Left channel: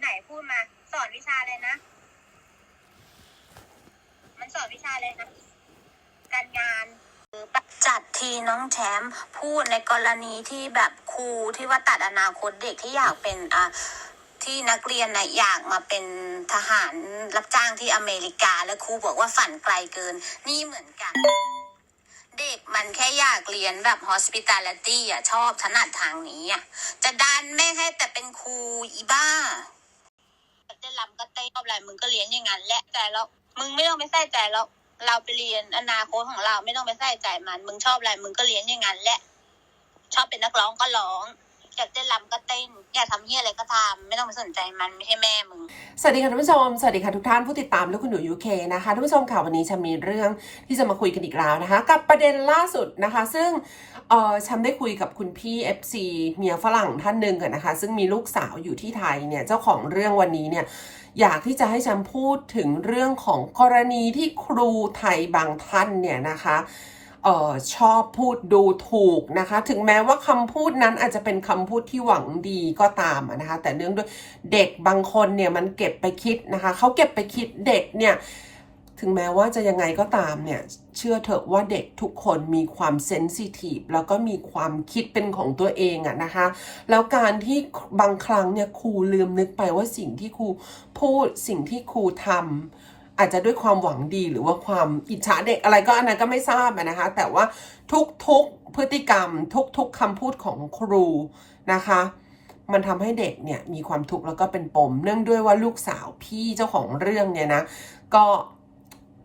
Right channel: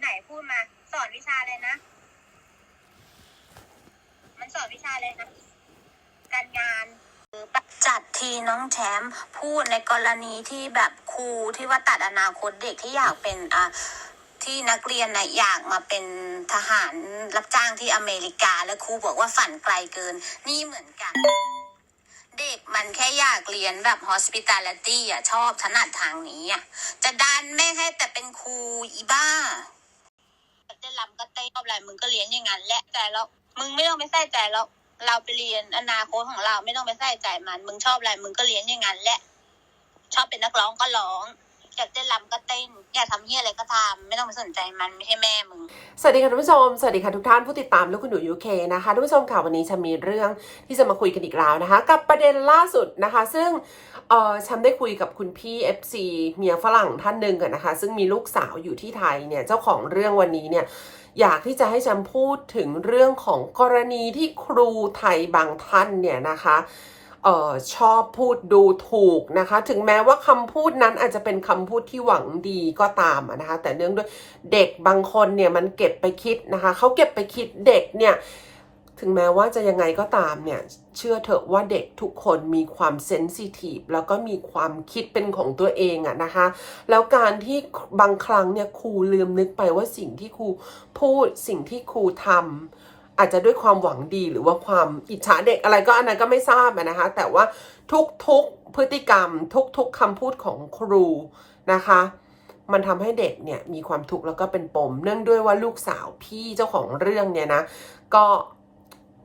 ไหนพูดมา สอนวิชาอะไรนะ มันสอนวิชาอะไรนะ การงานจัดทีน้องแชมป์พูดในกรณีที่แบบครูที่ว่าตัดอนาคตเด็กที่อยากเป็นอะที่นักเรียนนะอยากมาเป็นทหารรับจ้างที่อเมริกา แล้วครูบอกว่าฝันไกลเกิน นี่เหมือนกัน เด็กมันแค่อยากเรียนแบบ hospitality อะ ชอบถนัดทางนี้อะ จะดันไม่ให้แต่เป็นครูอีบ้า ได้ลำก็เต้นชอบอะไรมึงก็เรียนอย่างนั้นแหละแต่แล้วมึงไม่ต้องไปใส่ใจแล้วเราไปเรียนอนาคตของเราไม่ต้องไปใส่ใจมัน มึงชอบอะไรมึงก็เรียนอย่างนั้นแหละชอบเป็นนักร้องก็ร้อง อยากเต้นรำก็เต้นอยากทำเฮียอะไรก็ทำไม่ต้องไปสนใจมันไม่ใช่แม่มึงสวัสดีค่ะท่านผู้ชมสวัสดีค่ะทุกท่านผู้ติดตามลูกคุณหนูยูเคนะคะท่านผู้ชมค่ะวันนี้ฉันมีเรื่องที่จะมาคุยกันอีกแล้วนะคะ กับประเด็นล่าสุดนะคะ ซึ่งเออฉันได้คุยกับคุณพี่ FC เมียฝรั่งท่านหนึ่งอะนะคะ ซึ่งมีลูกสาวอยู่ที่ไทยเนี่ยเจ้าของเรื่องวันนี้เนี่ยอยากที่จะให้ฉันพูดถึงเรื่องของกรณีที่ครูไทยบางท่านเนี่ยนะคะ ออชอบพูดดูถูกนะคะ ถึงแม้ว่าคำพูดนั้นอาจจะเป็นคำพูดที่หวังดีก็ตามนะคะ แต่เนื่องด้วยเด็กบางคนเนี่ยมันเก็บไปคิดนะคะเขาเก็บไปคิดเด็กเนี่ยถึงแม้ว่าจะยังไงก็ตามเนี่ย เชื่อเถอะว่าเด็กทุกคนมีความเซนซิทีฟแล้วก็มีความคิดเป็นของตัวเองอะนะคะ แล้วการที่บางครั้งเนี่ยครูลืมนึกไปว่าสิ่งที่ครูพูดสิ่งที่ครูทำ อาจจะด้วยความหวังดีหรือว่าความอิจฉาเด็กอะไรก็อันนั้นก็ไม่ทราบนะคะ แต่ว่าทุกๆพฤติกรรม ทุกๆคำพูดของครูนะคะ มันทำให้เด็กเนี่ยมีความทุกข์แล้วก็เป็นปม เนื่องด้วยว่าลูกสาวพี่เจ้าของเรื่องเนี่ยนะก็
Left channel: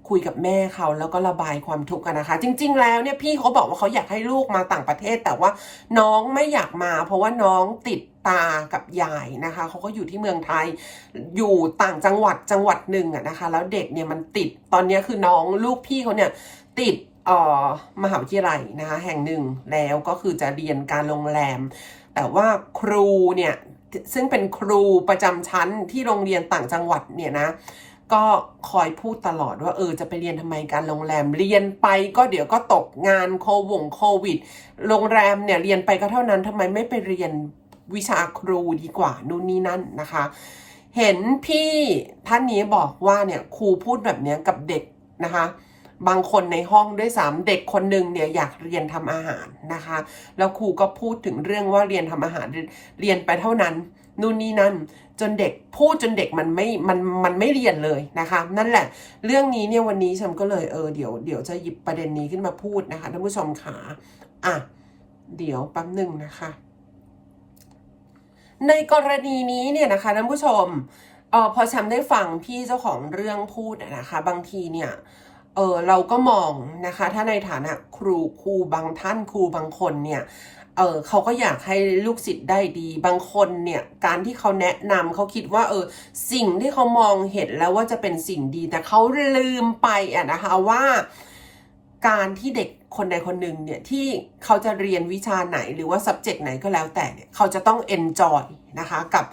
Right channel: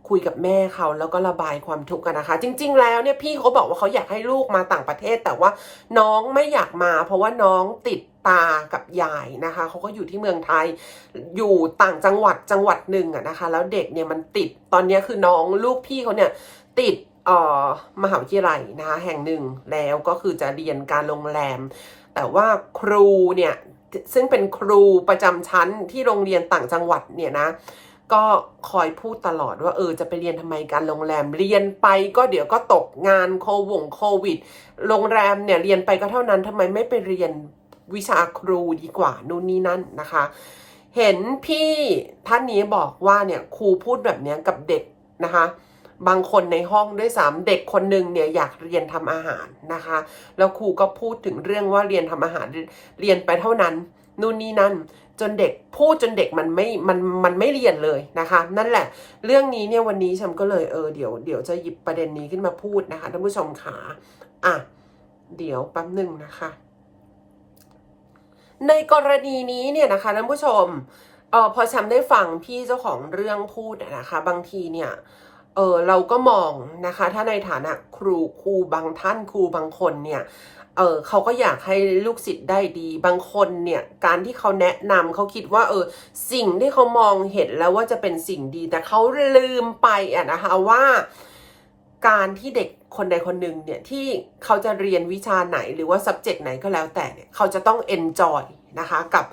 คุยกับแม่เขาแล้วก็ระบายความทุกข์กันนะคะ จริง ๆ แล้วเนี่ยพี่เขาบอกว่าเขาอยากให้ลูกมาต่างประเทศ แต่ว่าน้องไม่อยากมา เพราะว่าน้องติดตากับยายนะคะเขาก็อยู่ที่เมืองไทยอยู่ต่างจังหวัดจังหวัดหนึ่งอะนะคะ แล้วเด็กเนี่ยมันติดตอนนี้คือน้องลูกพี่เขาเนี่ยติดอ่อมหาวิทยาลัยนะคะแห่งหนึ่งแล้วก็คือจะเรียนการโรงแรม แต่ว่าครูเนี่ยซึ่งเป็นครูประจำชั้นที่โรงเรียนต่างจังหวัดเนี่ยนะ ก็คอยพูดตลอดว่าเออจะไปเรียนทำไมการโรงแรมเรียนไปก็เดี๋ยวก็ตกงานโควงโควิด โรงแรมเนี่ยเรียนไปก็เท่านั้นทำไมไม่ไปเรียนวิชาครูดีกว่านู่นนี่นั่นนะคะ เห็นพี่ท่านนี้บอกว่าเนี่ยครูพูดแบบนี้กับเด็กนะคะ บางคนในห้องด้วยซ้ำเด็กคนหนึ่งเนี่ยอยากเรียนทำอาหารนะคะ แล้วครูก็พูดถึงเรื่องว่าเรียนทำอาหารเรียนไปเท่านั้นนู่นนี่นั่น จนเด็กพูดจนเด็กมันไม่ มัน มันไม่เรียนเลยนะคะ นั่นแหละ เรื่องนี้เนี่ยวันนี้ฉันก็เลยเออเดี๋ยว เดี๋ยวจะหยิบประเด็นนี้ขึ้นมาพูดนะคะท่านผู้ชมขาอะ เดี๋ยวแป๊บหนึ่งนะคะ ในกรณีนี้เนี่ยนะคะท่านผู้ชมเออพอฉันได้ฟังพี่เจ้าของเรื่องพูดนะคะ บางทีเนี่ยเออเราก็มองนะคะ ถ้าในฐานะครูครูบางท่านครูบางคนเนี่ย เออเขาก็อยากให้ลูกศิษย์ได้ดี บางคนเนี่ย การที่เขาแนะนำเขาคิดว่า เออ สิ่งที่เขามองเห็นแล้วว่าจะเป็นสิ่งดี แต่เขาลืมไปอะนะคะว่า การที่เด็กคนใดคนหนึ่งเนี่ยที่เขาจะเรียนวิชาไหนหรือว่า subject ไหนก็แล้วแต่เนี่ยเขาจะต้อง enjoy นะคะกับ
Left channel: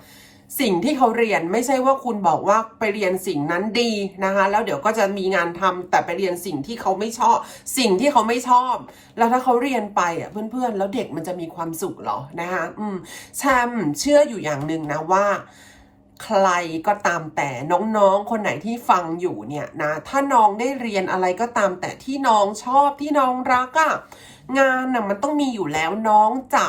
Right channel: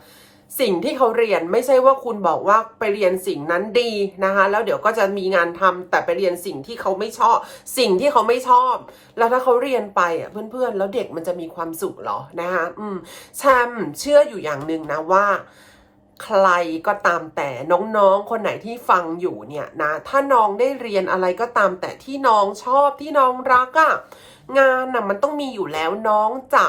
สิ่งที่เขาเรียนไม่ใช่ว่าคุณบอกว่าไปเรียนสิ่งนั้นดีนะคะ แล้วเดี๋ยวก็จะมีงานทำแต่ไปเรียนสิ่งที่เขาไม่ชอบ สิ่งที่เขาไม่ชอบ แล้วถ้าเขาเรียนไปอะเพื่อนๆ แล้วเด็กมันจะมีความสุขหรอนะคะอืมแชมเชื่ออยู่อย่างหนึ่งนะว่าใครก็ตามแต่น้องๆ คนไหนที่ฟังอยู่เนี่ยนะ ถ้าน้องได้เรียนอะไรก็ตามแต่ที่น้องชอบที่น้องรักอะ่ะงานน่ะมันต้องมีอยู่แล้วน้องจะ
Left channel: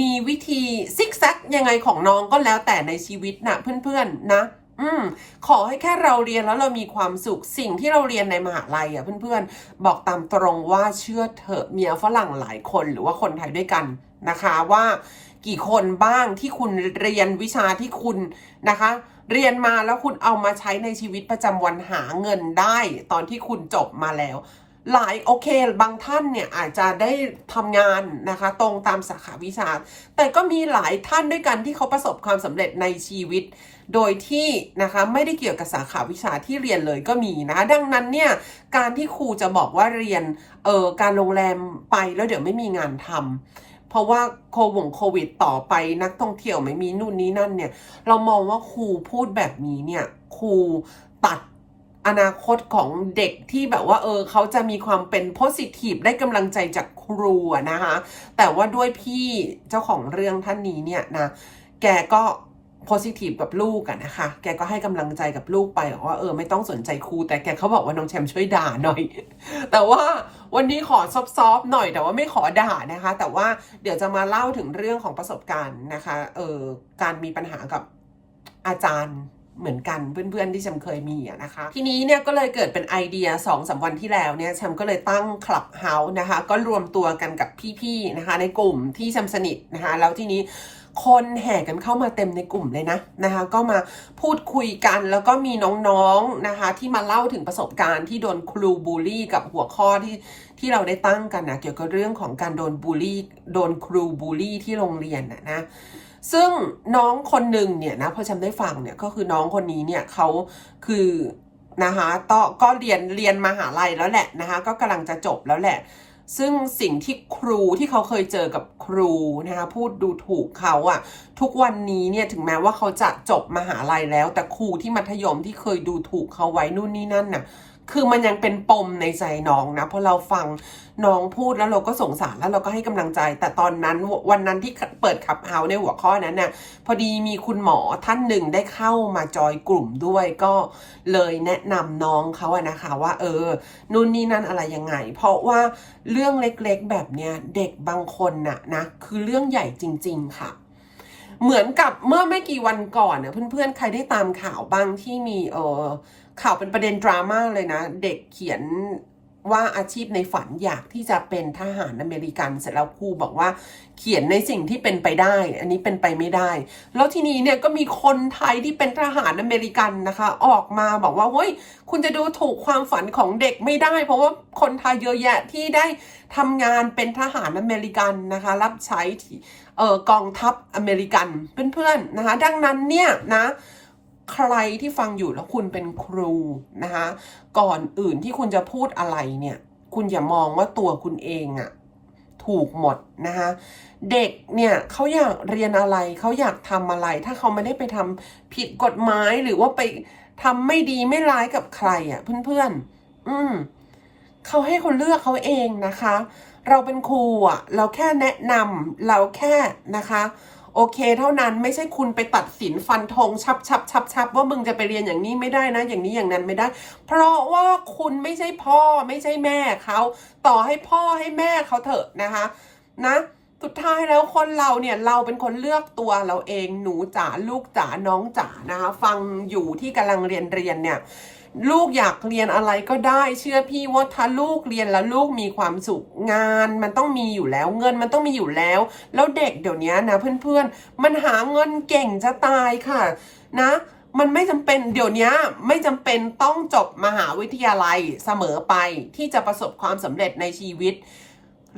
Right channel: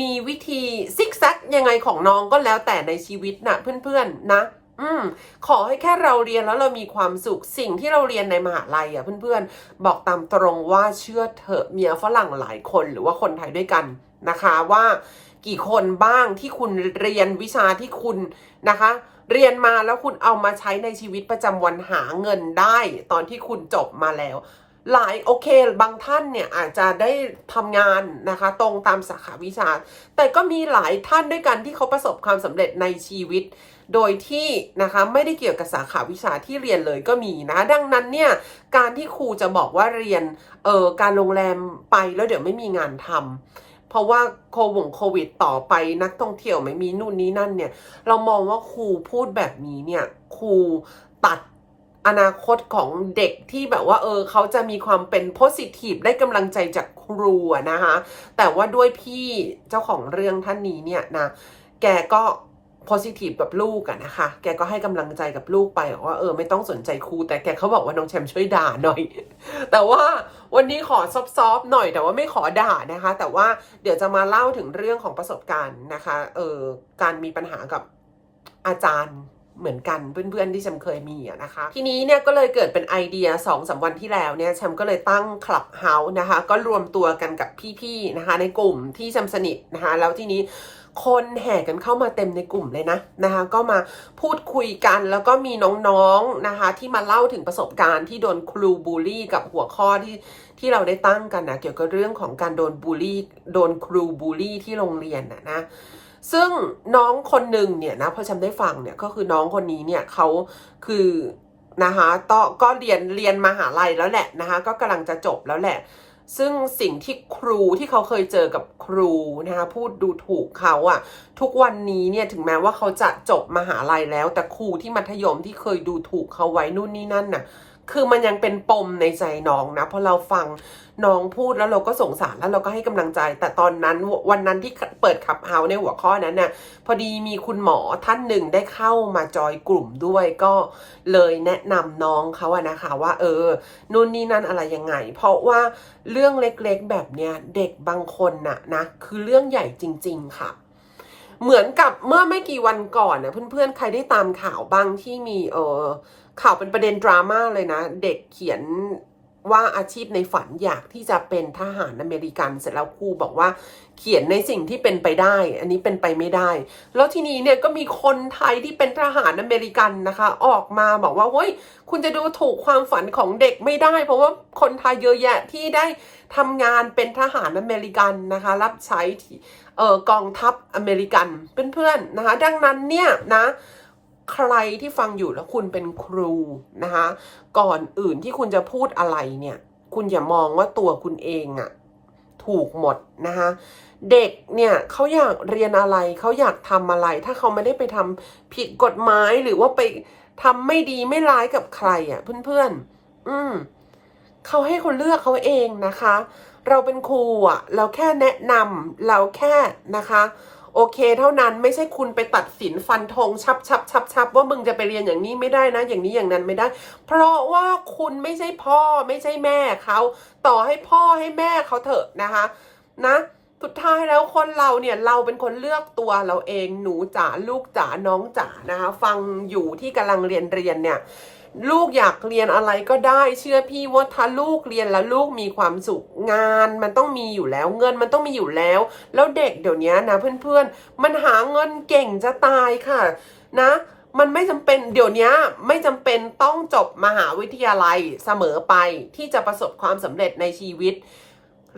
มีวิธีซิกแซกยังไงของน้องก็แล้วแต่ในชีวิตนะเพื่อนๆนะ อืมขอให้แค่เราเรียนแล้วเรามีความสุขสิ่งที่เราเรียนในมหาลัยอะเพื่อนๆ บอกตามตรงว่าเชื่อเถอะเมียฝรั่งหลายคนหรือว่าคนไทยด้วยกันนะคะว่ากี่คนบ้างที่คุณเรียนวิชาที่คุณนะคะ เรียนมาแล้วคุณเอามาใช้ในชีวิตประจำวันหาเงินได้ ตอนที่คุณจบมาแล้ว หลายโอเคบางท่านเนี่ยอาจจะได้ทำงานนะคะ ตรงตามสาขาวิชา แต่ก็มีหลายท่านด้วยกันที่เขาประสบความสำเร็จในชีวิต โดยที่นะคะไม่ได้เกี่ยวกับสาขาวิชาที่เรียนเลยก็มีนะดังนั้นเนี่ยการที่ครูจะบอกว่าเรียนเอ่อการโรงแรมไปแล้วเดี๋ยวไม่มีงานทำเพราะว่าโควงโควิดต่อไปนักท่องเที่ยวไม่มีนู่นนี่นั่นเนี่ย เรามองว่าครูพูดแบบนี้เนี่ยครูตัดอนาคตของเด็กที่แบบว่า เออเขาจะมีความเป็นโพสิทีฟได้กำลังใจจากครูนะคะ แต่ว่าด้วยพี่เจ้าของเรื่องท่านนี้เนี่ยนะ แกก็ positive กับลูกอะนะคะ แกก็ให้กำลังใจกับลูกไปบอกว่าเออไม่ต้องสนใจครู แต่แกเขาบอกว่าน้องแชมป์ช่วยด่าหน่อย แต่ว่าวันนี้ขอซอฟๆหน่อยแต่ว่าไม่ขอด่านะคะ แต่ว่าเดี๋ยวจะมาเล่าถึงเรื่องของประสบการณ์นะคะเออการมีปัญหากับอาจารย์เหมือนกันเพื่อนๆที่แชมเคยมีนะคะ ทีนี้เนี่ยก็เลยเกิดเป็นไอเดีย2อสวันที่แล้วเนี่ยแชมก็เลยตั้งคลับเฮาส์นะคะ ก็รวมตัวกันกับพี่ๆนะคะ ในกลุ่มที่แชมสนิทนะคะ แล้วทีนี้ คนแห่กันเข้ามาเต็มในกลุ่มเลยนะนะคะ ก็มาพูดคุยกันแล้วก็มีน้องๆนะคะ ที่มาเล่าถึงประสบการณ์ที่โดนครูบูลลี่กับหัวข้อที่ที่เราได้ตั้งกันนะเกี่ยวกับเรื่องของการโดนบูลลี่โดนครูบูลลี่ที่โรงเรียนนะนะซึ่งน้องคนหนึ่งเนี่ยนะพอฉันได้ฟังเนี่ยก็คือน้องคนนี้เนี่ยเขาคือนะคะต่อก็เรียนเรียนมหาลัยแล้วแหละนะคะ ก็กำลังจะจบแล้วแหละ ซึ่งสิ่งที่ครูที่เขาเคยเจอกับครูนะคะพูดดูถูกเขาอะทุกวันนี้เนี่ยถึงแม้ว่าเขาจะจบมหาลัยแล้ว แต่ครูที่มัธยมที่เคยดูถูกเขาไว้นู่นนี่นั่นน่ะ คือมันยังเป็นปมในใจน้องนะเพราะเราฟังน้องพูดแล้วเราก็สงสารแล้วเราก็ให้กำลังใจ แต่ตอนนั้นวันนั้นที่เปิดขับเฮาในหัวข้อนั้นน่ะพอดีมีคุณหมอท่านหนึ่งได้เข้ามาจอยกลุ่มด้วยก็เลยแนะนำน้องเขาอะนะคะว่า เออนู่นนี่นั่นอะไรยังไง เพราะว่าเรื่องเล็กๆแบบเนี้ยเด็กบางคนน่ะนะคือเรื่องใหญ่จริง ๆค่ะเหมือนกับเมื่อไม่กี่วันก่อนนะเพื่อนๆ ใครได้ตามข่าวบ้างที่มีเออ ข่าวเป็นประเด็นดราม่าเลยนะ เด็กเขียนว่าอาชีพในฝันอยากที่จะเป็นทหารอเมริกันเสร็จแล้วครูบอกว่าเขียนในสิ่งที่เป็นไปได้ อันนี้เป็นไปไม่ได้ แล้วทีนี้เนี่ยก็มีคนไทยที่เป็นทหารอเมริกันนะคะ ออกมาบอกว่าเฮ้ยคุณจะดูถูกความฝันของเด็กไม่ได้ เพราะว่าคนไทยเยอะแยะที่ได้ทำงานเป็นทหารอเมริกันนะคะ รับใช้เอ่อกองทัพอเมริกันเพื่อนๆนะคะ ดังนั้นเนี่ยนะ ใครที่ฟังอยู่แล้วคุณเป็นครูนะคะก่อนอื่นที่คุณจะพูดอะไรเนี่ย คุณอย่ามองว่าตัวคุณเองอะถูกหมดนะคะเด็กเนี่ยเขาอยากเรียนอะไรเขาอยากทำอะไร ถ้าเขาไม่ได้ไปทำผิดกฎหมายหรือว่าไปทำไม่ดีไม่ร้ายกับใครอะเพื่อนๆ อืมเขาให้คนเลือกเขาเองนะคะ เราเป็นครูอะ เราแค่แนะนำเราแค่นะคะ โอเคเท่านั้นไม่ใช่คุณไปตัดสินฟันธงชับชับชับชับว่ามึงจะไปเรียนอย่างนี้ไม่ได้นะ อย่างนี้อย่างนั้นไม่ได้ เพราะว่าคุณไม่ใช่พ่อไม่ใช่แม่เขาต่อให้พ่อให้แม่เขาเถอะนะคะ นะสุดท้ายแล้วคนเราเนี่ยเราเป็นคนเลือกตัวเราเองหนูจ๋าลูกจ๋าน้องจ๋านะคะ ฟังอยู่ที่กำลังเรียนเรียนเนี่ย ลูกอยากเรียนอะไรก็ได้ เชื่อพี่ว่าถ้าลูกเรียนแล้วลูกมีความสุขงานมันต้องมีอยู่แล้วเงินมันต้องมีอยู่แล้ว แล้วเด็กเดี๋ยวนี้นะเพื่อนๆ มันหาเงินเก่งจะตายค่ะ นะมันไม่จำเป็นเดี๋ยวนี้ไม่จำเป็นต้องจบมหาวิทยาลัยเสมอไปที่จะประสบความสำเร็จในชีวิต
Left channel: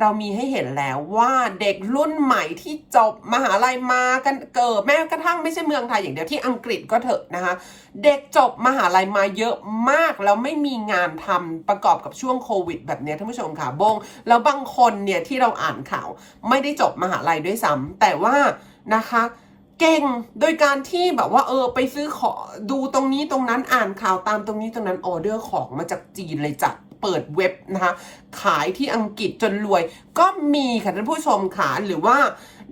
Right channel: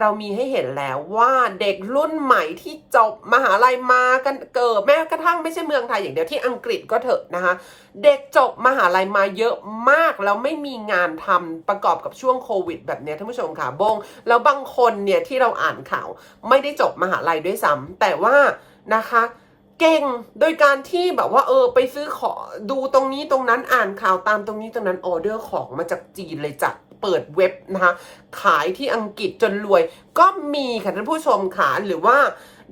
เรามีให้เห็นแล้วว่าเด็กรุ่นใหม่ที่จบมหาลัยมากันเกิดแม้กระทั่งไม่ใช่เมืองไทยอย่างเดียวที่อังกฤษก็เถอะนะคะ เด็กจบมหาลัยมาเยอะมากแล้วไม่มีงานทำประกอบกับช่วงโควิด แบบนี้ท่านผู้ชมค่ะบง แล้วบางคนเนี่ยที่เราอ่านข่าวไม่ได้จบมหาลัยด้วยซ้ำแต่ว่านะคะเก่งโดยการที่แบบว่าเออไปซื้อขอดูตรงนี้ตรงนั้นอ่านข่าวตามตรงนี้ตรงนั้นออเดอร์ของมาจากจีนเลยจ้ะ เปิดเว็บนะคะขายที่อังกฤษจนรวย ก็มีค่ะท่านผู้ชมค่ะหรือว่า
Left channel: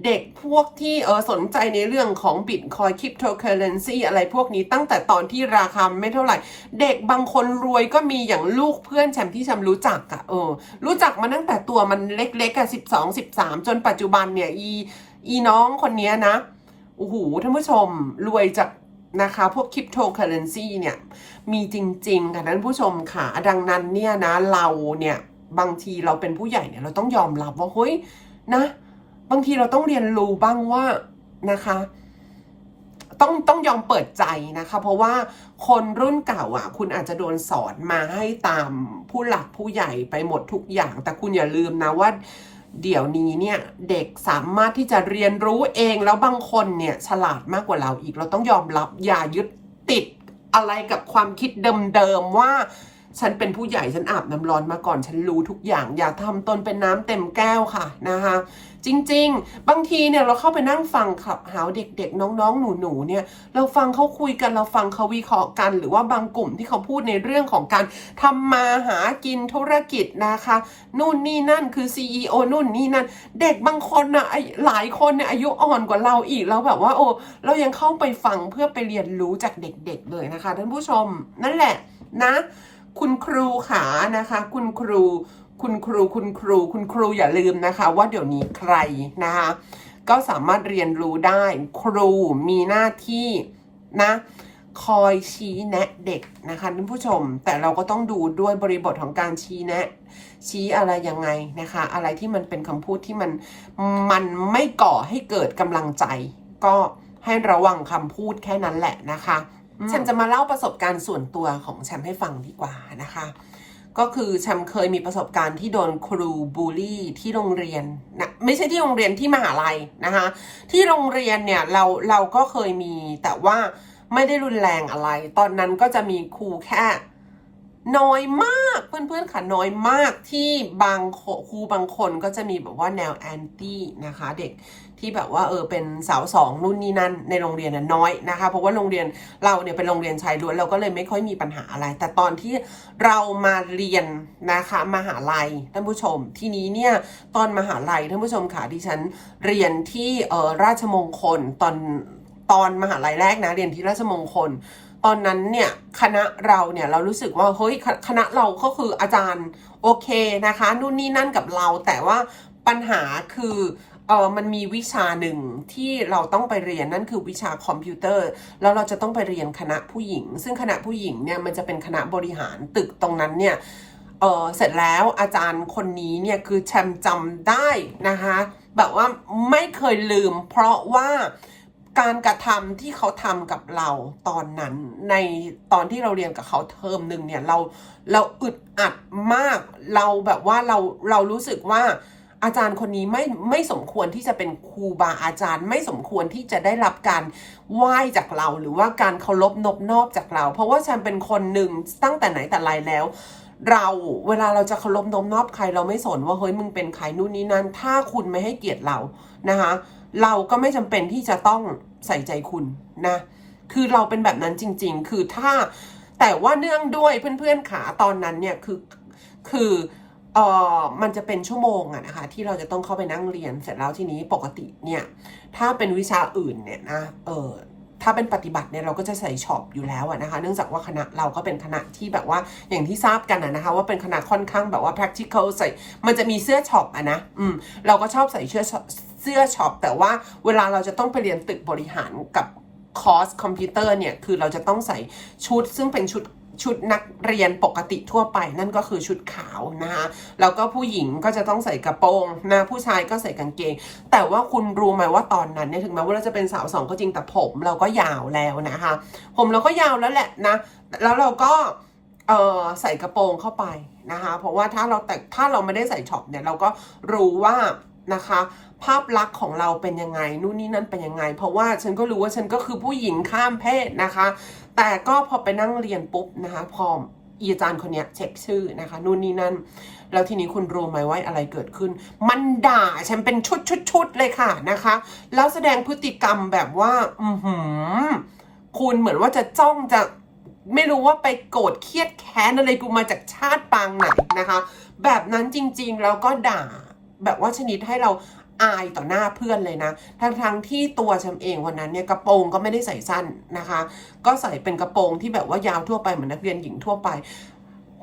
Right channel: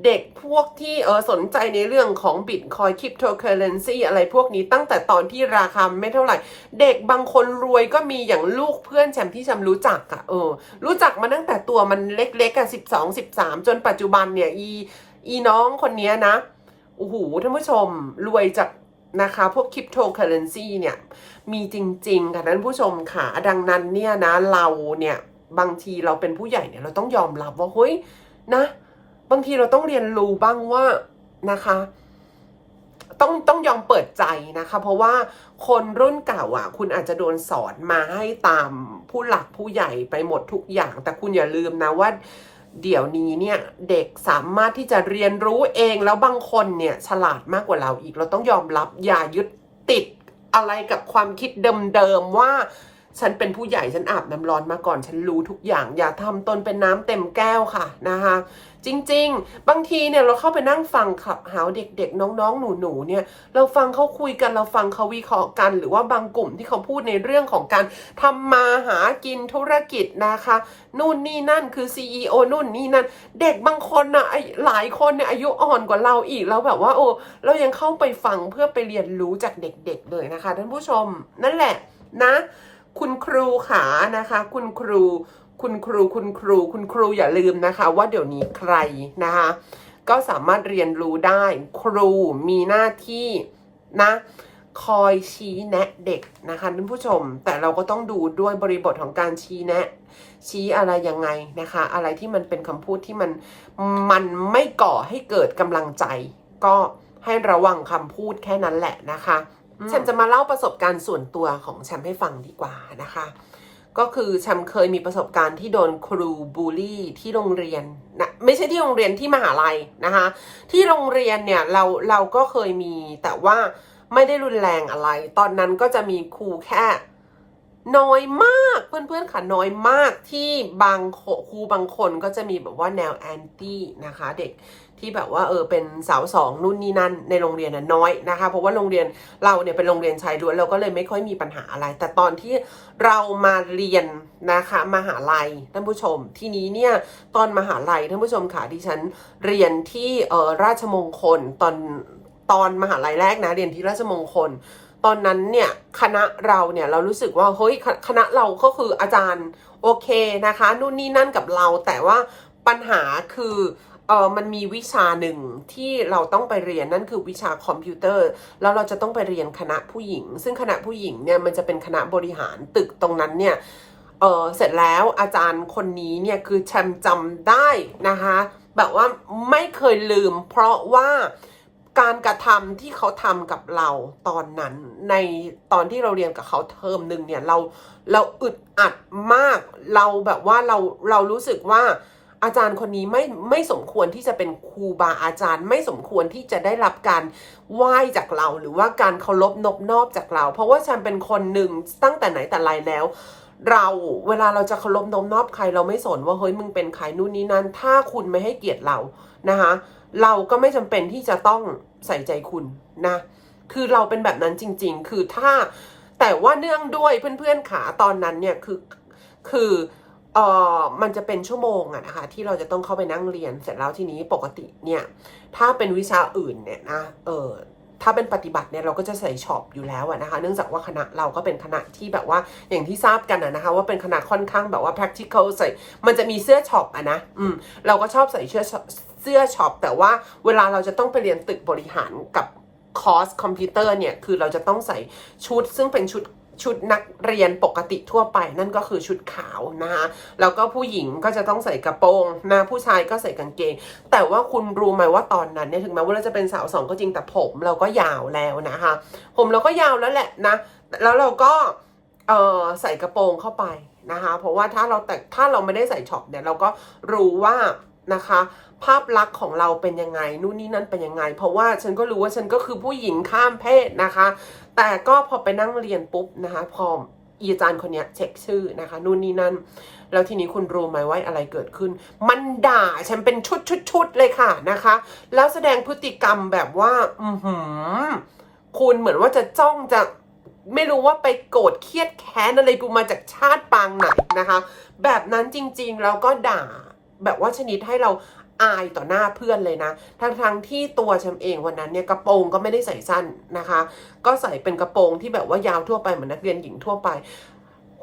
เด็กพวกที่เออสนใจในเรื่องของบิตคอยคริปโตเคอเรนซีอะไรพวกนี้ตั้งแต่ตอนที่ราคาไม่เท่าไหร่ เด็กบางคนรวยก็มีอย่างลูกเพื่อนแชมป์ที่แชมรู้จักอะเออ รู้จักมาตั้งแต่ตัวมันเล็กๆอะสิบสองสิบสามจนปัจจุบันเนี่ยอีอีน้องคนนี้นะโอ้โหท่านผู้ชมรวยจากนะคะพวกคริปโตเคอเรนซีเนี่ย มีจริง ๆ ค่ะท่านผู้ชมค่ะ ดังนั้นเนี่ยนะเราเนี่ยบางทีเราเป็นผู้ใหญ่เนี่ยเราต้องยอมรับว่าเฮ้ยนะ บางทีเราต้องเรียนรู้บ้างว่านะคะ ต้องต้องยอมเปิดใจนะคะ เพราะว่าคนรุ่นเก่าอะ คุณอาจจะโดนสอนมาให้ตามผู้หลักผู้ใหญ่ไปหมดทุกอย่าง แต่คุณอย่าลืมนะว่าเดี๋ยวนี้เนี่ยเด็กสามารถที่จะเรียนรู้เองแล้วบางคนเนี่ยฉลาดมากกว่าเราอีก เราต้องยอมรับอย่ายึดติด อะไรกับความคิดเดิมๆว่า ฉันเป็นผู้ใหญ่ฉันอาบน้ำร้อนมาก่อน ฉันรู้ทุกอย่าง อย่าทำตนเป็นน้ำเต็มแก้วค่ะนะคะ จริง ๆ บางทีเนี่ยเราเข้าไปนั่งฟังขับหาเด็กๆ น้องๆ หนูๆเนี่ยเราฟังเขาคุยกันเราฟังเขาวิเคราะห์กัน หรือว่าบางกลุ่มที่เขาพูดในเรื่องของการทำมาหากินธุรกิจนะคะนู่นนี่นั่นคือ CEO นู่นนี่นั่น เด็กบางคนนะไอ้หลายคนเนี่ยอายุอ่อนกว่าเราอีกแล้วแบบว่าโอ้เรายังเข้าไปฟังเพื่อไปเรียนรู้จากเด็กๆ เลยนะคะท่านผู้ชมนั่นแหละนะ คุณครูขานะคะ คุณครู คุณครูคุณครู คุณครูอย่าลืมนะคะ ว่าเดี๋ยวนี้ใครนะคะ ก็สามารถเรียนรู้ได้ ครูมีหน้าที่นะคอยชี้แนะเด็กนะคะท่านผู้ชม แต่เราก็ต้องดูด้วยบริบทของการชี้แนะ ชี้อะไรยังไงนะคะ อะไรที่มันเป็นคำพูดที่มันมันไม่ก่อให้เกิดกำลังใจ ก็ให้ระวังคำพูดแค่นั้นแหละนะคะแชมจะมาเล่าประสบการณ์ส่วนตัวของแชมให้ฟังดีกว่านะคะ ก็คือแชมเคยมีประสบการณ์ที่โดนครูบูลลี่ที่โรงเรียนนะไม่ใช่ที่โรงเรียนที่มหาลัยนะคะ ที่โรงเรียนเนี่ยเราเราก็เคยมีแต่ว่าไม่ได้รุนแรงอะไร ตอนนั้นก็จะมีครูแค่น้อยมากเพื่อนๆค่ะน้อยมากที่บางครูบางคนก็จะมีแบบว่าแนวแอนตี้นะคะ เด็ก ที่แบบว่าเออเป็นสาวสองนู่นนี่นั่นในโรงเรียนน่ะน้อยนะคะ เพราะว่าโรงเรียนเราเนี่ยเป็นโรงเรียนชายล้วนเราก็เลยไม่ค่อยมีปัญหาอะไร แต่ตอนที่เรามาเรียนนะคะมหาลัยท่านผู้ชม ทีนี้เนี่ยตอนมหาลัยท่านผู้ชมค่ะดิฉันเรียนที่เออราชมงคลตอนตอนมหาลัยแรกนะเรียนที่ราชมงคล ตอนนั้นเนี่ยคณะเราเนี่ยเรารู้สึกว่าเฮ้ยคคณะเราก็คืออาจารย์โอเคนะคะนู่นนี่นั่นกับเราแต่ว่าปัญหาคือ เออมันมีวิชาหนึ่งที่เราต้องไปเรียนนั่นคือวิชาคอมพิวเตอร์ แล้วเราจะต้องไปเรียนคณะผู้หญิง ซึ่งคณะผู้หญิงเนี่ยมันจะเป็นคณะบริหารตึกตรงนั้นเนี่ยเออเสร็จแล้วอาจารย์คนนี้เนี่ยคือแชมจำได้นะคะแบบว่าไม่เคยลืม เพราะว่าการกระทำที่เขาทำกับเราตอนนั้นในตอนที่เราเรียนกับเขาเทอมหนึ่งเนี่ยเราเราอึดอัดมากเราแบบว่าเราเรารู้สึกว่า อาจารย์คนนี้ไม่ไม่สมควรที่จะเป็นครูบาอาจารย์ ไม่สมควรที่จะได้รับการไหว้จากเรา หรือว่าการเคารพนบนอบจากเรา เพราะว่าฉันเป็นคนหนึ่งตั้งแต่ไหนแต่ไรแล้ว เราเวลาเราจะเคารพนบนอบใครเราไม่สนว่าเฮ้ยมึงเป็นใครนู่นนี่นั่นถ้าคุณไม่ให้เกียรติเรานะคะ เราก็ไม่จำเป็นที่จะต้องใส่ใจคุณนะ คือเราเป็นแบบนั้นจริง ๆ คือถ้าแต่ว่าเนื่องด้วยเพื่อนๆขาตอนนั้นเนี่ยคือคือ เออมันจะเป็นชั่วโมงอะนะคะที่เราจะต้องเข้าไปนั่งเรียนเสร็จแล้วทีนี้ปกติเนี่ย ถ้าเป็นวิชาอื่นเนี่ยนะเออถ้าเป็นปฏิบัติเนี่ยเราก็จะใส่ช็อปอยู่แล้วนะคะ เนื่องจากว่าคณะเราก็เป็นคณะที่แบบว่าอย่างที่ทราบกันอะนะคะ ว่าเป็นคณะค่อนข้างแบบว่า practical ใส่มันจะมีเสื้อช็อปอะนะอืมเราก็ชอบใส่เสื้อเสื้อช็อปแต่ว่าเวลาเราจะต้องไปเรียนตึกบริหารกับคอร์สคอมพิวเตอร์เนี่ยคือเราจะต้องใส่ชุดซึ่งเป็นชุด ชุดนักเรียนปกติทั่วไปนั่นก็คือชุดขาวนะคะแล้วก็ผู้หญิงก็จะต้องใส่กระโปรงนะผู้ชายก็ใส่กางเกง แต่ว่าคุณรู้ไหมว่าตอนนั้นเนี่ยถึงแม้ว่าเราจะเป็นสาวสองก็จริงแต่ผมเราก็ยาวแล้วนะคะ ผมเราก็ยาวแล้วแหละนะแล้วเราก็เออใส่กระโปรงเข้าไปนะคะ เพราะว่าถ้าเราแต่ถ้าเราไม่ได้ใส่ช็อปเนี่ยเราก็รู้ว่านะคะภาพลักษณ์ของเราเป็นยังไงนู่นนี่นั่นเป็นยังไง เพราะว่าฉันก็รู้ว่าฉันก็คือผู้หญิงข้ามเพศนะคะ แต่ก็พอไปนั่งเรียนปุ๊บนะคะ พออีอาจารย์คนนี้เช็คชื่อนะคะ นู่นนี่นั่น แล้วทีนี้คุณรู้ไหมว่าอะไรเกิดขึ้น มันด่าฉันเป็นชุดชุดชุดเลยค่ะนะคะ แล้วแสดงพฤติกรรมแบบว่า อือหือ คุณเหมือนว่าจะจ้องจะไม่รู้ว่าไปโกรธเครียดแค้นอะไรกูมาจากชาติปางไหนนะคะ แบบนั้นจริงๆแล้วก็ด่าแบบว่าชนิดให้เรา อายต่อหน้าเพื่อนเลยนะ ทั้งๆทที่ตัวฉันเองวันนั้นเนี่ยกระโปรงก็ไม่ได้ใส่สั้นนะคะ ก็ใส่เป็นกระโปรงที่แบบว่ายาวทั่วไปเหมือนนักเรียนหญิงทั่วไป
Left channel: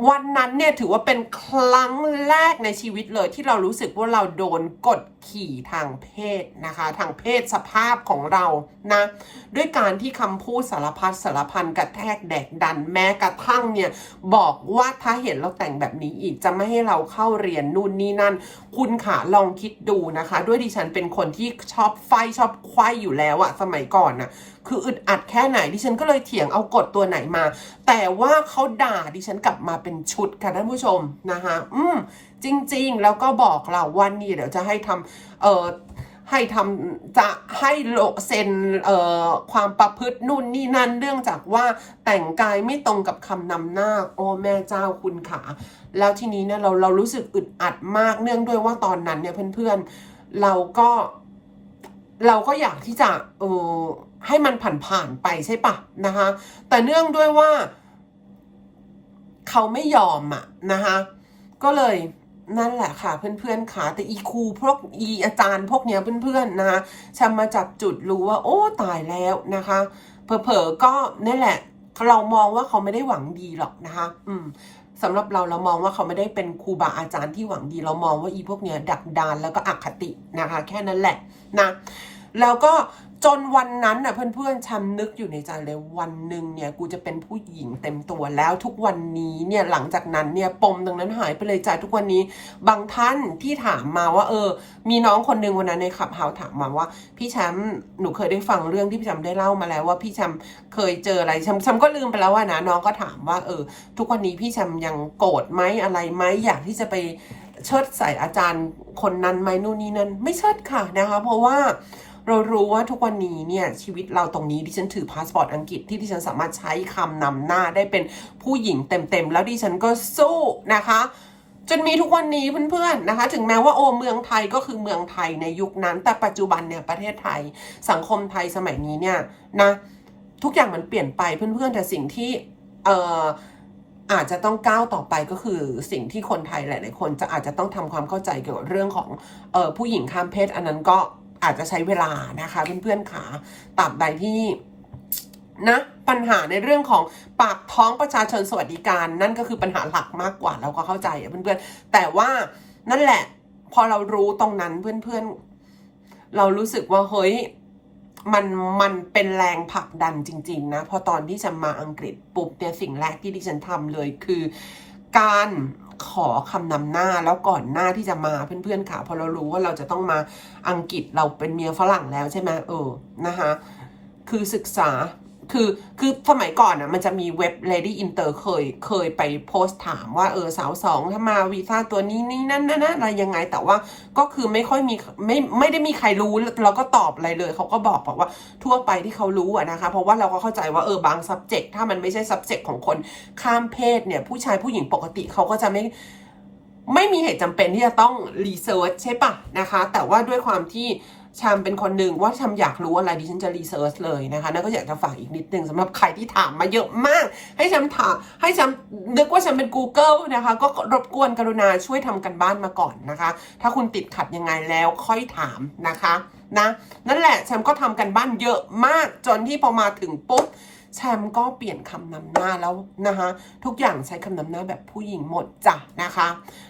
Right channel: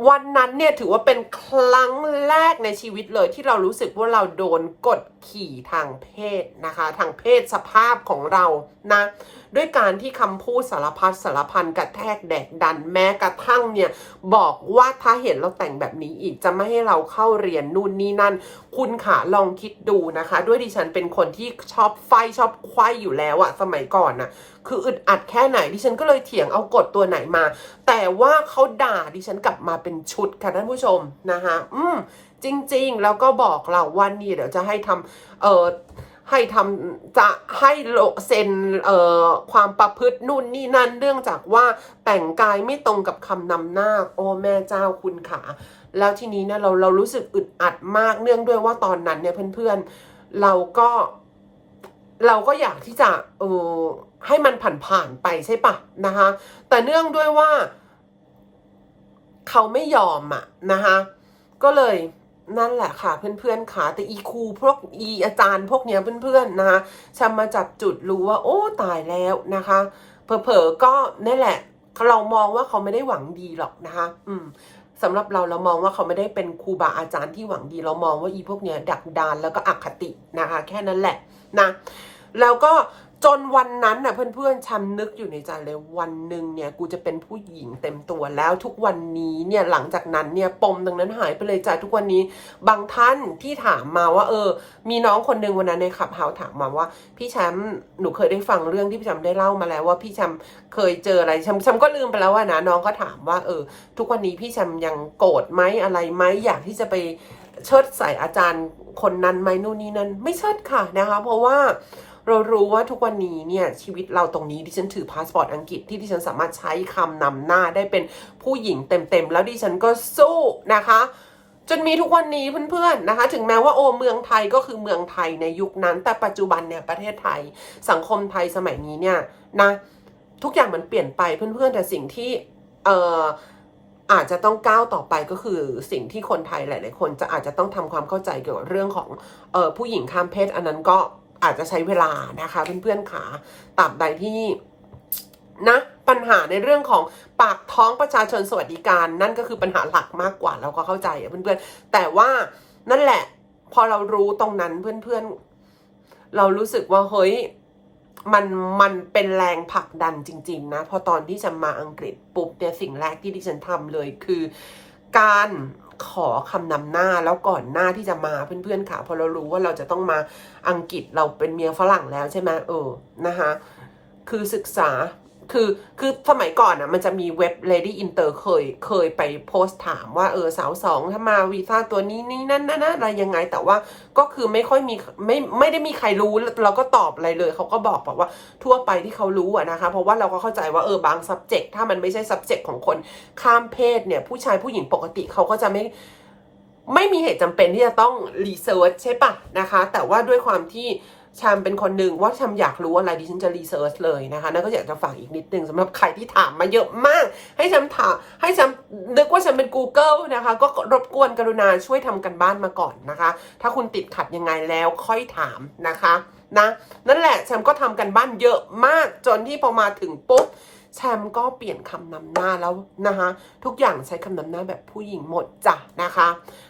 วันนั้นเนี่ยถือว่าเป็นครั้งแรกในชีวิตเลยที่เรารู้สึกว่าเราโดนกดขี่ทางเพศนะคะ ทางเพศสภาพของเรานะ ด้วยการที่คำพูดสารพัดสารพันกระแทกแดกดันแม้กระทั่งเนี่ย บอกว่าถ้าเห็นเราแต่งแบบนี้อีกจะไม่ให้เราเข้าเรียนนู่นนี่นั่น คุณขาลองคิดดูนะคะ ด้วยดิฉันเป็นคนที่ชอบไฟชอบควายอยู่แล้วอะสมัยก่อนนะคืออึดอัดแค่ไหนดิฉันก็เลยเถียงเอากฎตัวไหนมา แต่ว่าเขาด่าดิฉันกลับมาเป็นชุดค่ะท่านผู้ชมนะคะ อืมจริง ๆ แล้วก็บอกเราว่านี่เดี๋ยวจะให้ทำเอ่อ ให้ทำจะให้โลเซ็นเอ่อความประพฤตินู่นนี่นั่นเนื่องจากว่าแต่งกายไม่ตรงกับคำนำหน้าโอ้แม่เจ้าคุณขาแล้วทีนี้เนี่ยเราเรารู้สึกอึดอัดมากเนื่องด้วยว่าตอนนั้นเนี่ยเพื่อนเราก็เราก็อยากที่จะเออให้มันผ่านๆไปใช่ปะนะคะ แต่เนื่องด้วยว่า เขาไม่ยอมอะนะคะ ก็เลย นั่นแหละค่ะ เพื่อนๆค่ะแต่อีครูพวกอีอาจารย์พวกเนี้ยเพื่อนๆนะคะฉันมาจับจุดรู้ว่า โอ้ตายแล้วนะคะเผลอๆก็นั่นแหละเรามองว่าเขาไม่ได้หวังดีหรอกนะคะ อืมสำหรับเราเรามองว่าเขาไม่ได้เป็นครูบาอาจารย์ที่หวังดี เรามองว่าอีพวกเนี้ยดักดานแล้วก็อคตินะคะ แค่นั้นแหละนะแล้วก็ จนวันนั้นน่ะเพื่อนๆฉันนึกอยู่ในใจเลยวันหนึ่งเนี่ยกูจะเป็นผู้หญิงเต็มตัวแล้วทุกวันนี้เนี่ยหลังจากนั้นเนี่ยปมตรงนั้นหายไปเลยจ้ะทุกวันนี้ บางท่านที่ถามมาว่า เออ มีน้องคนหนึ่งวันนั้นในขับเฮาถามมาว่า พี่แชมป์หนูเคยได้ฟังเรื่องที่พี่แชมป์ได้เล่ามาแล้วว่าพี่แชมป์เคยเจออะไรแชมป์แชมป์ก็ลืมไปแล้วว่านะน้องก็ถามว่าเออ ทุกวันนี้พี่แชมป์ยังโกรธไหมอะไรไหมอยากที่จะไปเชิดใส่อาจารย์คนนั้นไหมนู่นนี่นั่นไม่เชิดค่ะนะคะ เพราะว่า เรารู้ว่าทุกวันนี้เนี่ยชีวิตเราตรงนี้ดิฉันถือพาสปอร์ตอังกฤษที่ดิฉันสามารถใช้คำนำหน้าได้เป็นผู้หญิงเต็มๆ แล้วดิฉันก็สู้นะคะจนมีทุกวันนี้เพื่อนๆนะคะ ถึงแม้ว่าโอเมืองไทยก็คือเมืองไทยในยุคนั้น แต่ปัจจุบันเนี่ยประเทศไทย สังคมไทยสมัยนี้เนี่ยนะทุกอย่างมันเปลี่ยนไปเพื่อนๆแต่สิ่งที่เอ่ออาจจะต้องก้าวต่อไปก็คือสิ่งที่คนไทยหลาย ๆ คนจะอาจจะต้องทำความเข้าใจเกี่ยวกับเรื่องของเอ่อผู้หญิงข้ามเพศอันนั้นก็ อาจจะใช้เวลานะคะเพื่อนๆขาตราบใดที่นะปัญหาในเรื่องของปากท้องประชาชนสวัสดิการ นั่นก็คือปัญหาหลักมากกว่าเราก็เข้าใจอะเพื่อนๆ แต่ว่านั่นแหละ พอเรารู้ตรงนั้นเพื่อนๆ เรารู้สึกว่าเฮ้ยมันมันเป็นแรงผลักดันจริง ๆ นะ พอตอนที่ฉันมาอังกฤษปุ๊บเนี่ยสิ่งแรกที่ดิฉันทำเลยคือการ ขอคำนำหน้าแล้วก่อนหน้าที่จะมาเพื่อนๆค่ะพอเรารู้ว่าเราจะต้องมาอังกฤษเราเป็นเมียฝรั่งแล้วใช่ไหมเออนะคะคือศึกษา คือคือสมัยก่อนอะมันจะมีเว็บ Lady Inter เคยเคยไปโพสต์ถามว่าเออสาวสองถ้ามาวีซ่าตัวนี้นี่นั่นนั่นอะไรยังไง แต่ว่าก็คือไม่ค่อยมีไม่ไม่ได้มีใครรู้เราก็ตอบอะไรเลย เขาก็บอกบอกว่าทั่วไปที่เขารู้อะนะคะ เพราะว่าเราก็เข้าใจว่าเออบาง subject ถ้ามันไม่ใช่ subject ของคนข้ามเพศเนี่ย ผู้ชายผู้หญิงปกติเขาก็จะไม่ไม่มีเหตุจำเป็นที่จะต้องรีเสิร์ชใช่ปะนะคะ แต่ว่าด้วยความที่ ชามเป็นคนหนึ่งว่าชามอยากรู้อะไรดิฉันจะรีเสิร์ชเลยนะคะนั่นก็อยากจะฝากอีกนิดนึงสำหรับใครที่ถามมาเยอะมาก ให้ชามถามให้ชามนึกว่าฉันเป็น Google นะคะ ก็รบกวนกรุณาช่วยทำกันบ้านมาก่อนนะคะ ถ้าคุณติดขัดยังไงแล้วค่อยถามนะคะนะนั่นแหละแชมก็ทำกันบ้านเยอะมากจนที่พอมาถึงปุ๊บแชมป์ก็เปลี่ยนคำนำหน้าแล้วนะคะ ทุกอย่างใช้คำนำหน้าแบบผู้หญิงหมดจ้ะนะคะ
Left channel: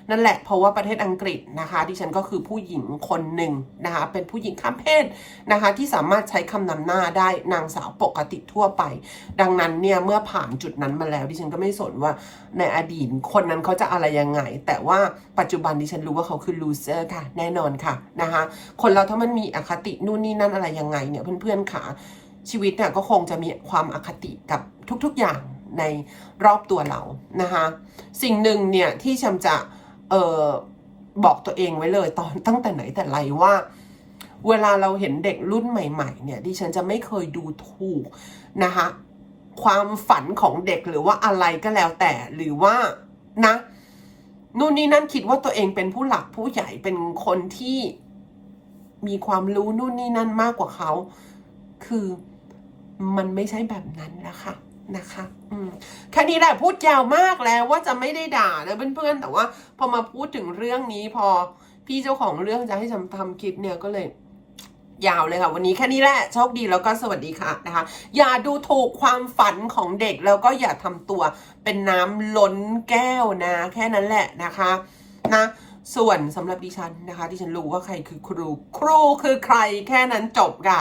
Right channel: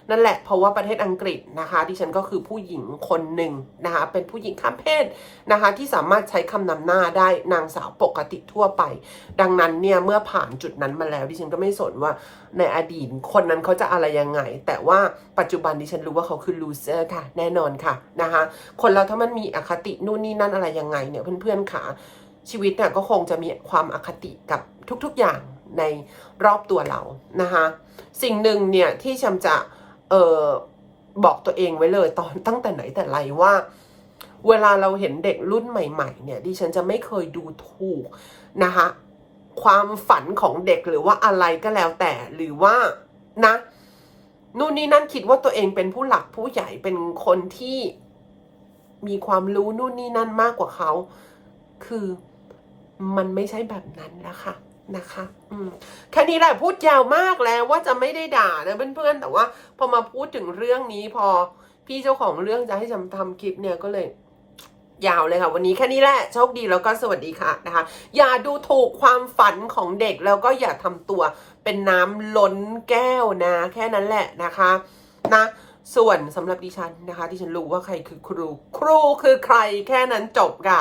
นั่นแหละเพราะว่าประเทศอังกฤษนะคะ ดิฉันก็คือผู้หญิงคนหนึ่งนะคะ เป็นผู้หญิงข้ามเพศนะคะ ที่สามารถใช้คำนำหน้าได้นางสาวปกติทั่วไป ดังนั้นเนี่ยเมื่อผ่านจุดนั้นมาแล้ว ดิฉันก็ไม่สนว่าในอดีตคนนั้นเขาจะอะไรยังไง แต่ว่าปัจจุบันดิฉันรู้ว่าเขาคือลูเซอร์ค่ะ แน่นอนค่ะนะคะ คนเราถ้ามันมีอคตินู่นนี่นั่นอะไรยังไงเนี่ยเพื่อนๆค่ะชีวิตเนี่ยก็คงจะมีความอคติกับทุกๆอย่างในรอบตัวเรานะคะ สิ่งหนึ่งเนี่ยที่ชำจะ เออบอกตัวเองไว้เลยตอนตั้งแต่ไหนแต่ไรว่า เวลาเราเห็นเด็กรุ่นใหม่ ๆ เนี่ยดิฉันจะไม่เคยดูถูกนะคะความฝันของเด็กหรือว่าอะไรก็แล้วแต่หรือว่านะนู่นนี่นั่นคิดว่าตัวเองเป็นผู้หลักผู้ใหญ่เป็นคนที่มีความรู้นู่นนี่นั่นมากกว่าเขา คือมันไม่ใช่แบบนั้นนะคะ นะคะอืมแค่นี้แหละพูดยาวมากแล้วว่าจะไม่ได้ด่านะเพื่อนๆแต่ว่าพอมาพูดถึงเรื่องนี้พอพี่เจ้าของเรื่องจะให้จำทำคลิปเนี่ยก็เลยยาวเลยค่ะ วันนี้แค่นี้แหละโชคดีแล้วก็สวัสดีค่ะนะคะ อย่าดูถูกความฝันของเด็กแล้วก็อย่าทำตัวเป็นน้ำล้นแก้วนะ แค่นั้นแหละนะคะนะส่วนสำหรับดิฉันนะคะ ดิฉันรู้ว่าใครคือครู ครูคือใครแค่นั้นจบค่ะ